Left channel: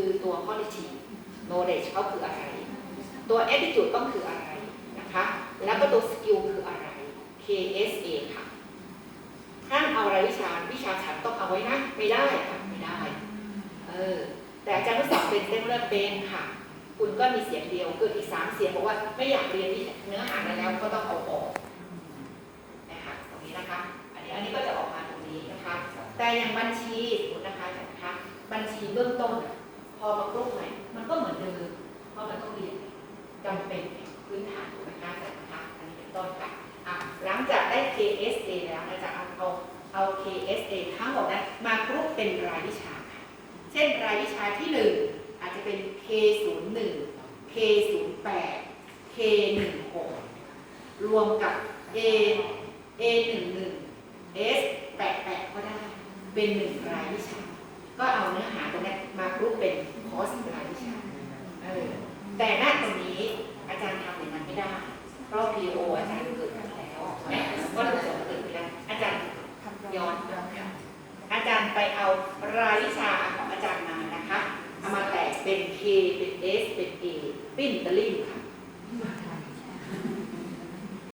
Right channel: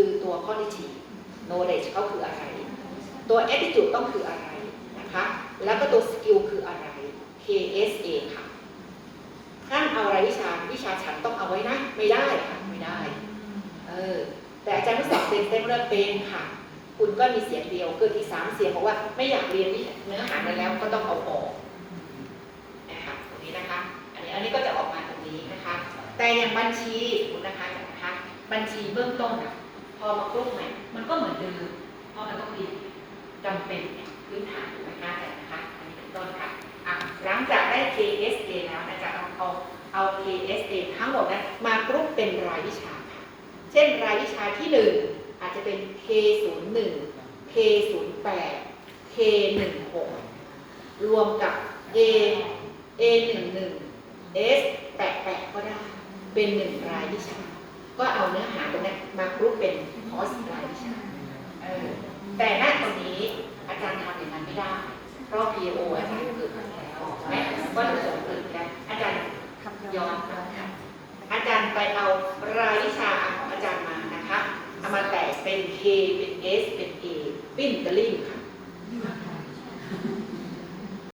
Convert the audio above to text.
คือตัว quality knowledge เขาคืออะไร ตัว attitude ต้องคืออะไรนะคะ แล้วก็ตัว skill คืออะไร KSA ค่ะห้ามเอารายวิชาวิชาฉันต้องเอาไว้นะ ไม่ได้ค่ะไม่ได้เออแต่อาจารย์ทดสอบเป็นเต็มเรื่องเป็นค่ะ คุณก็มีเสียงเดียวคืออีกสามเสียงบอกว่าไม่อยากเรียนเนื้อหาแล้วก็ต้องเอาออกนะคะตรงนี้นะคะ อันนี้อันนี้ก็จะออกมาตรงนี้นะคะ แต่อย่างบัญชีสมมุตินะคะอย่างนะคะ บัญชีเบื้องต้นอะ พอมากรุ๊ปใหม่ มันก็เหมือนเดิม เพราะมันต้องเรียนจำเป็นพื้นฐานถูกไหมคะแต่นะคะอันนี้เป็นต้นค่ะอะ หลังจากได้ KSA แล้วนะจะเอาเอาเอา KSA ทั้งหมดนั้นมากรุ๊ปเป็นรายวิชาค่ะเช่นรายวิชาที่หนึ่งอาจจะเป็น K01 K08 K16 รวมกับ A A11 S88 ก็ได้ เป็นหนึ่งรายวิชา รูปเป็นคอร์สรายวิชาแต่หน้าตรงนี้อาจารย์ทำอย่างนั้นไม่ได้ เพราะ PO อาจารย์เกิดมาแล้วแม้วัตถุประสมเกิดแล้ว อาจารย์ยอมอาจารย์ไปเอารายวิชาของอาจารย์มานะคะเอามาแตกเป็น K เป็น S เป็น A ปิ้นตะลิ่งค่ะ